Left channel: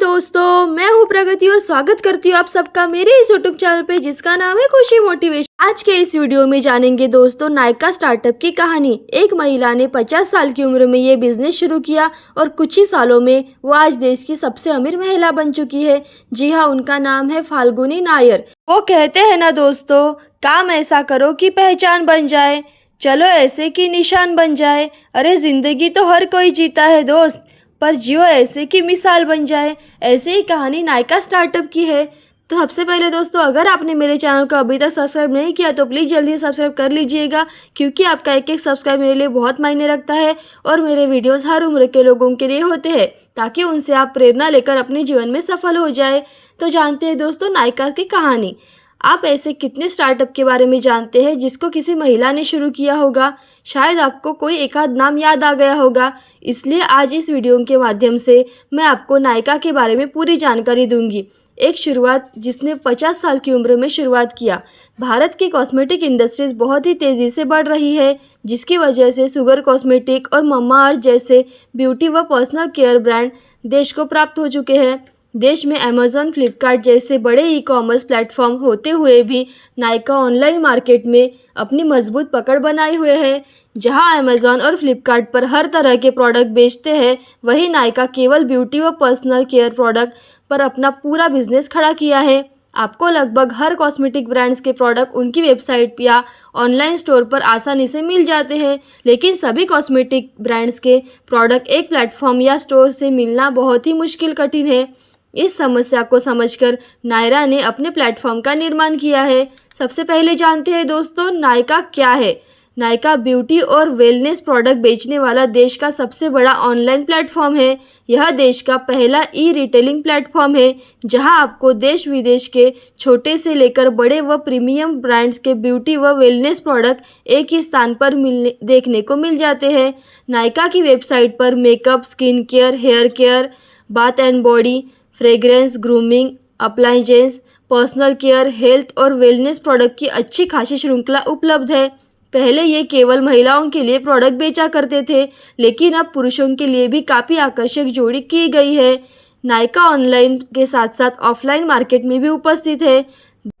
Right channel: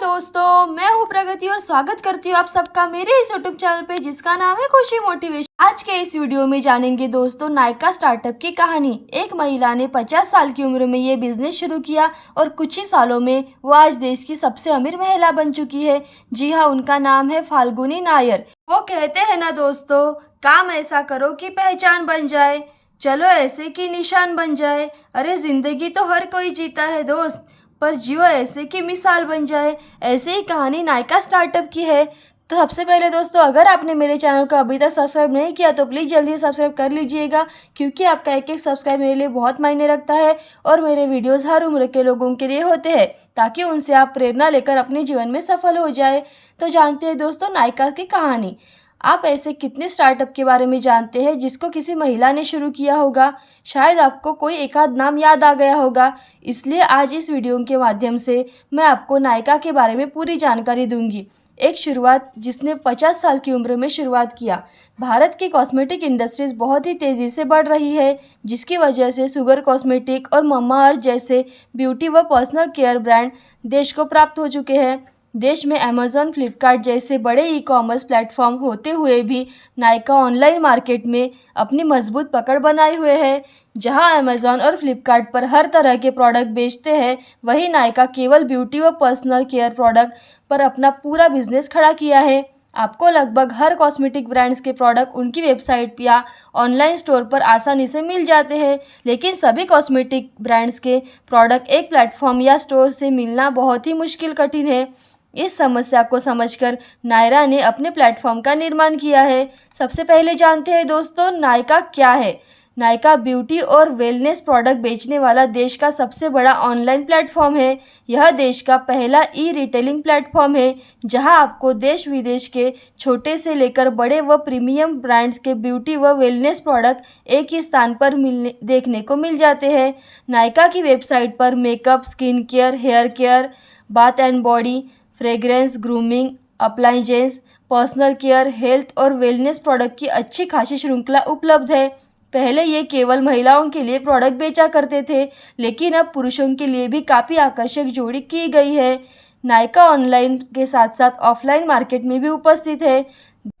दोस्तों, मैं हूँ प्रगति और स्वागत करती हूँ आप सबका मेरे इस यूट्यूब चैनल पे जिसका नाम है खुशी मोटिवेशन। आज के इस वीडियो में जानेंगे दोस्तों नायका स्टार्टअप की कहानी। एक महिला ने 50 साल की उम्र में ये बिजनेस शुरू किया और कुछ ही सालों में वो आज देश की सबसे अमीर महिला बन चुकी है। जी हाँ, उनका नाम है फाल्गुनी नायर। वो कहते हैं ना दोस्तों, काम ऐसा करो कि पहचान बन जाए, चलो ऐसे कि निशान बन जाए। अरे जिंदगी तो हर कोई जीता है दोस्त, पर जियो ऐसे कि मिसाल बन जाए। ऐसे ही कहानी नायका स्टार्टअप की है। तो सबसे पहले दोस्तों, अगर आपने मेरे चैनल को अभी तक सब्सक्राइब नहीं किया तो प्लीज़ जल्दी सब्सक्राइब कर लीजिएगा, क्योंकि आपका एक एक सब्सक्राइब मेरे लिए बहुत मायने रखता है और मेरे वीडियोस हर उम्र के लोगों के लिए होते हैं, ताकि उनसे आप प्रेरणा लेकर अपने जीवन में सफल हो जाए। तो जानते हैं दोस्तों नायका की कहानी। आप ऐसे कितने स्टार्टअप के बारे में जानते हैं जिसको किसी महिला ने शुरू किया होगा? शायद आपको कोई एक आध नाम याद आ गया होगा। इसलिए आज इस वीडियो के माध्यम से मैं आपको नायका के बारे में पूरी जानकारी दूंगी। एक शुरुआत जिसने 50 साल की उम्र में शुरुआत किया। भारत की कॉस्मेटिक इंडस्ट्रीज बहुत ही तेज़ी से बढ़ रही है, जिसकी वजह से शुगर कॉस्मेटिक और मम्मा अर्थ जैसे ब्यूटी व पर्सनल केयर ब्रांड देश को प्राप्त हो चुके हैं। देश में अमेज़ॉन, फ्लिपकार्ट जैसे बड़े ई कॉमर्स प्लेटफॉर्म होते हुए भी नायका ऑनलाइन मार्केट में अपनी मजबूत पकड़ बनाए हुए है। जहां अमेज़ॉन और फ्लिपकार्ट पर हर तरह के प्रोडक्ट बेचते हैं, वहीं नायका केवल ब्यूटी व पर्सनल केयर प्रोडक्ट पर अपना पूरा बिजनेस खड़ा किया है। आपको लगभग हर कॉस्मेटिक ब्रांड्स के प्रोडक्ट उनकी वेबसाइट या ऑनलाइन स्टोर पर आसानी से मिल जाते हैं, लेकिन सभी कॉस्मेटिक ब्रांड्स के प्रोडक्ट एक प्लेटफॉर्म या स्टोर से मिलना बहुत ही कठिन है। इस समस्या को समझकर नायरा ने अपने प्लेटफॉर्म का निर्माण किया है। सबसे पहले जानते हैं दोस्तों नायका क्या है। नायका ब्यूटी और वेलनेस प्रोडक्ट बेचने वाला देश का सबसे बड़ा ऑनलाइन प्लेटफॉर्म है। यह देश का पहला ई रिटेलिंग प्लेटफॉर्म है, जहां आपको देश विदेश के छोटे से लेकर बड़े व प्रीमियम ब्रांड्स के ब्यूटी व वेलनेस प्रोडक्ट एक ही स्थान पर देखने को मिल जाते हैं। नायका की वेबसाइट पर makeup, skin care, hair care, bath and body, fragrance, grooming, appliances, personal care, health और वेलनेस प्रोडक्ट की अच्छी खासी श्रृंखला उपलब्ध है। पहले ये केवल महिलाओं के लिए प्रोडक्ट बेचा करते थे, लेकिन अब पुरुषों के लिए भी काफ़ी आकर्षक जोड़ी की गई है। नायका ऑनलाइन के साथ साथ ऑफलाइन मार्केट में भी उपस्थित है।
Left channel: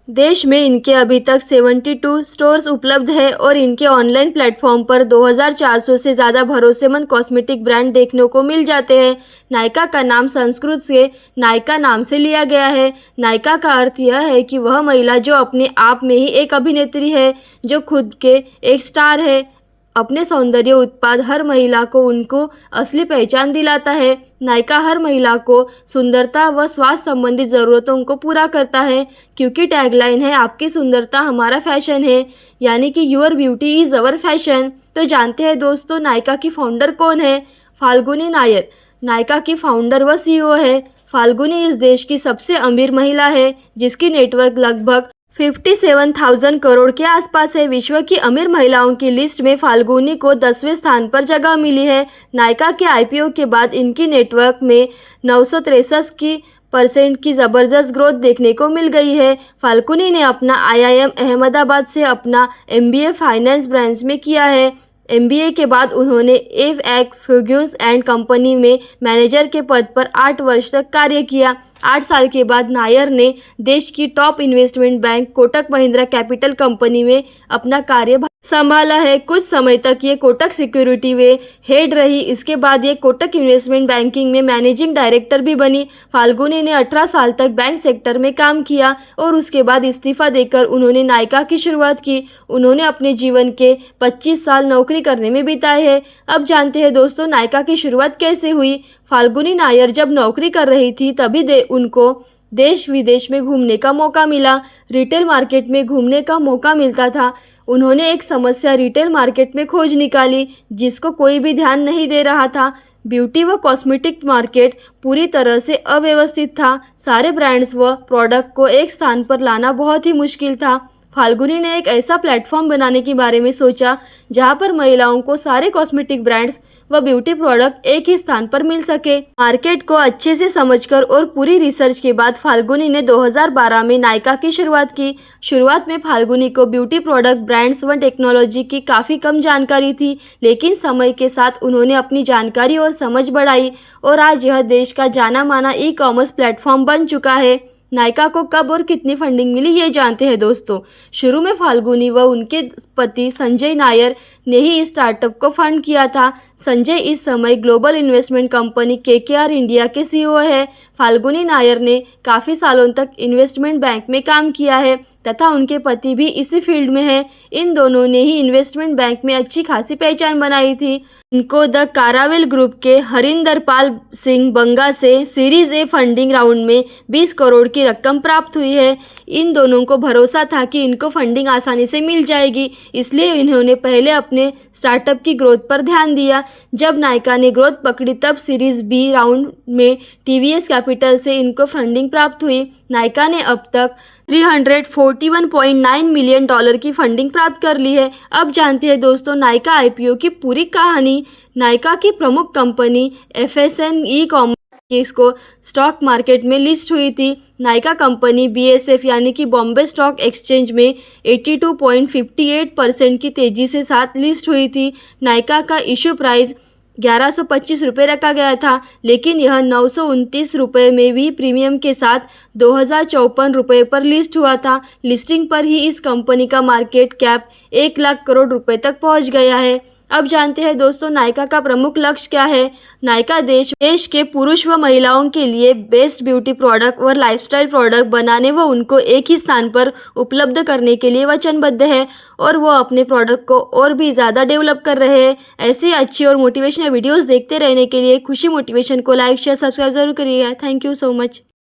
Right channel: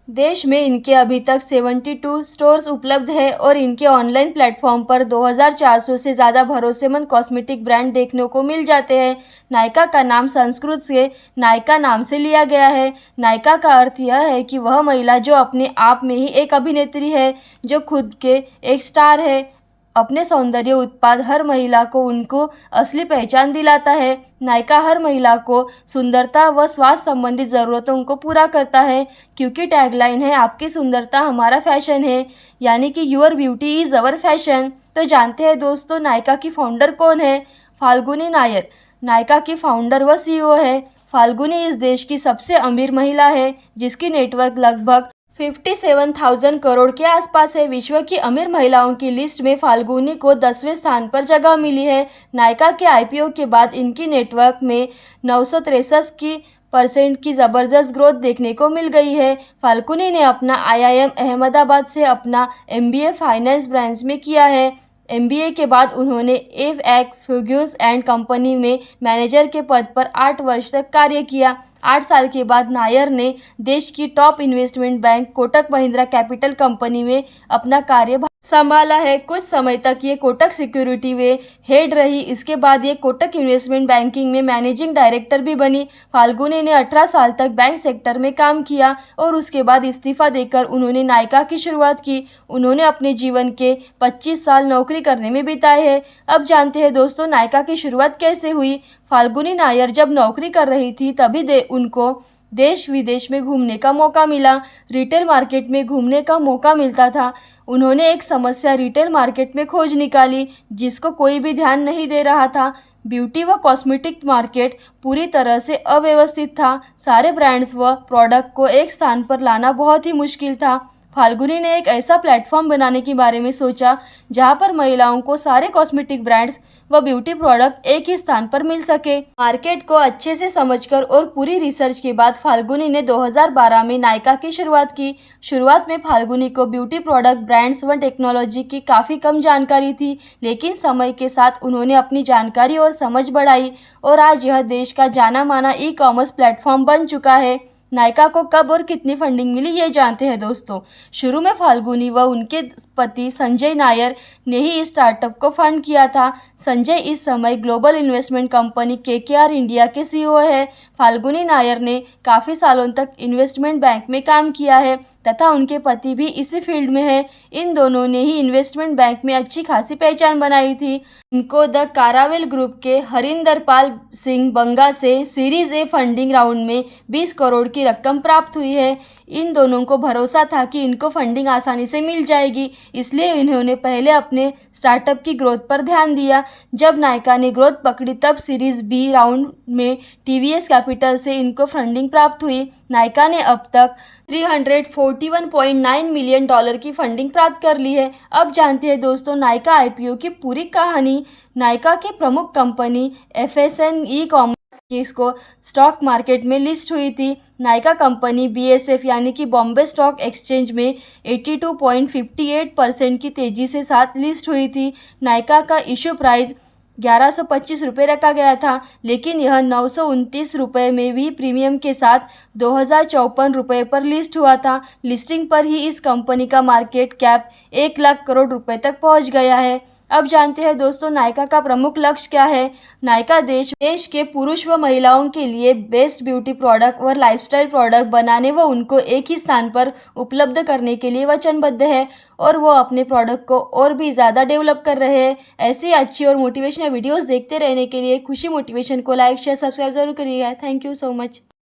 देश में इनके अभी तक 72 स्टोर्स उपलब्ध है और इनके ऑनलाइन प्लेटफॉर्म पर 2400 से ज़्यादा भरोसेमंद कॉस्मेटिक ब्रांड देखने को मिल जाते हैं। नायका का नाम संस्कृत से नायका नाम से लिया गया है। नायका का अर्थ यह है कि वह महिला जो अपने आप में ही एक अभिनेत्री है, जो खुद के एक स्टार है। अपने सौंदर्य उत्पाद हर महिला को उनको असली पहचान दिलाता है। नायका हर महिला को सुंदरता व स्वास्थ्य संबंधित ज़रूरतों को पूरा करता है, क्योंकि टैगलाइन है आपकी सुंदरता हमारा फैशन है, यानी कि your beauty is our fashion. तो जानते हैं दोस्तों नायका की फाउंडर कौन है? फाल्गुनी नायर नायका की फाउंडर व सीईओ है। फाल्गुनी इस देश की सबसे अमीर महिला है, जिसकी नेटवर्क लगभग 57,000 करोड़ के आसपास है। विश्व की अमीर महिलाओं की लिस्ट में फाल्गुनी को 10वें स्थान पर जगह मिली है। नायका के आईपीओ के बाद इनकी नेटवर्क में 963% की ज़बरदस्त ग्रोथ देखने को मिल गई है। फाल्गुनी ने अपना IIM अहमदाबाद से अपना MBA फाइनेंस ब्रांच में किया है। MBA के बाद उन्होंने एफ फर्ग्यूसन एंड कंपनी में मैनेजर के पद पर 8 वर्ष तक कार्य किया। 8 साल के बाद नायर ने देश की top investment bank Kotak Mahindra capital company में अपना कार्य संभाला है। कुछ समय तक ये कोटक सिक्योरिटी में हेड रही। इसके बाद ये कोटक इन्वेस्टमेंट बैंकिंग में मैनेजिंग डायरेक्टर भी बनी। फाल्गुनी ने 18 साल तक बैंक सेक्टर में काम किया और उसके बाद इस्तीफा देकर उन्होंने नायका की शुरुआत की। उन्होंने अपने जीवन के 25 साल नौकरी करने में बिताए हैं। अब जानते हैं दोस्तों नायका की शुरुआत कैसे हुई। फाल्गुनी नायर जब नौकरी कर रही थी तभी उनको देश विदेश में घूमने का मौका मिला। रिटेल मार्केट में घूमने का मौका मिलता था। उन्होंने एक समस्या रिटेल मार्केट में खोज निकाली, जिसको कोई भी ध्यान नहीं दे रहा था। ब्यूटी व कॉस्मेटिक मार्केट पूरी तरह से अव्यवस्थित था। सारे ब्रांड्स व प्रोडक्ट को एक स्थान पर लाना बहुत ही मुश्किल था। फाल्गुनी ने एक ऐसा प्लेटफॉर्म बनाने के बारे में सोचा जहां पर महिलाओं को सारे कॉस्मेटिक ब्रांड्स व ब्यूटी प्रोडक्ट एक ही स्थान पर मिल सके। मार्केट को अच्छे से समझकर और पूरी रिसर्च के बाद फाल्गुनी ने 2012 में नायका की शुरुआत की। शुरुआत में फाल्गुनी को ब्यूटी प्रोडक्ट ब्रांड्स व टेक्नोलॉजी की काफ़ी कम जानकारी थी, लेकिन समय के साथ उन्होंने अपनी जानकारी और समझ बढ़ाई और आज यह देश का जाना माना ई-कॉमर्स प्लेटफॉर्म बन चुका है। नायका को कब और कितनी फंडिंग मिली ये जानते हैं दोस्तों। शुरू में फाल्गुनी व उनके पति संजय नायर ने ही इस स्टार्टअप को फंड किया था। संजय इस समय global investment company KKR India के CEO है। फाल्गुनी नायर ने काफ़ी सालों तक इन्वेस्टमेंट बैंक में काम किया है तथा उनके पति भी इसी फील्ड में है। इन दोनों ने ही इन्वेस्टमेंट बैंक में अच्छी खासी पहचान बनाई थी। इनको द कारावेल ग्रुप के हरिंदर पाल सिंह बंगा से सीरीज ए फंडिंग राउंड में 20 करोड़ की रकम प्राप्त हुई है। इन दोनों को भरोसा था कि इनको फंडिंग आसानी से मिल जाएगी, इसलिए इन्होंने पहले अपने स्टार्टअप की ग्रोथ पर ध्यान दिया। जब नायका ने ग्रोथ पकड़ी तब सीरीज B राउंड में TVS कैपिटल से इनको फंडिंग प्राप्त हुई। नायका ने अब तक $341.9 मिलियन की फंडिंग प्राप्त कर ली है। अब जानते हैं दोस्तों नायका IPO की पूरी कहानी। नायका की प्रमुख कंपनी FSN ई-कॉमर्स इसको स्टॉक मार्केट में लिस्ट हुई थी। नायका कंपनी BSF यानी कि बॉम्बे स्टॉक एक्सचेंज में 82.58% की तेज़ी से साथ लिस्ट हुई थी। नायका का इशू प्राइस 1125 रुपये रखा गया था, लेकिन यह 929 रुपये में भी प्रीमियम के साथ 2054 रुपये पर लिस्ट हुआ था। लिस्टिंग पर ही इस कंपनी का मार्केट कैप 1 लाख करोड़ रुपए तक पहुंच गया है। अब जानते हैं दोस्तों नायका का प्रमुख लक्ष्य क्या है। नायका देश के पुरुष व महिलाओं के लिए बेस्ट ब्यूटी प्रोडक्ट और लाइफस्टाइल प्रोडक्ट बनाने व उनको एक ही स्थान पर उपलब्ध करने के लिए वचनबद्ध है और वो अपने प्रोडक्ट को और भी ज़्यादा डेवलप कर रहे हैं। ऐसी अच्छी और मोटिवेशनल वीडियोस देखते रहने के लिए खुशी मोटिवेशन को लाइक शेयर सब्सक्राइब जरूर करिएगा। Thank you so much.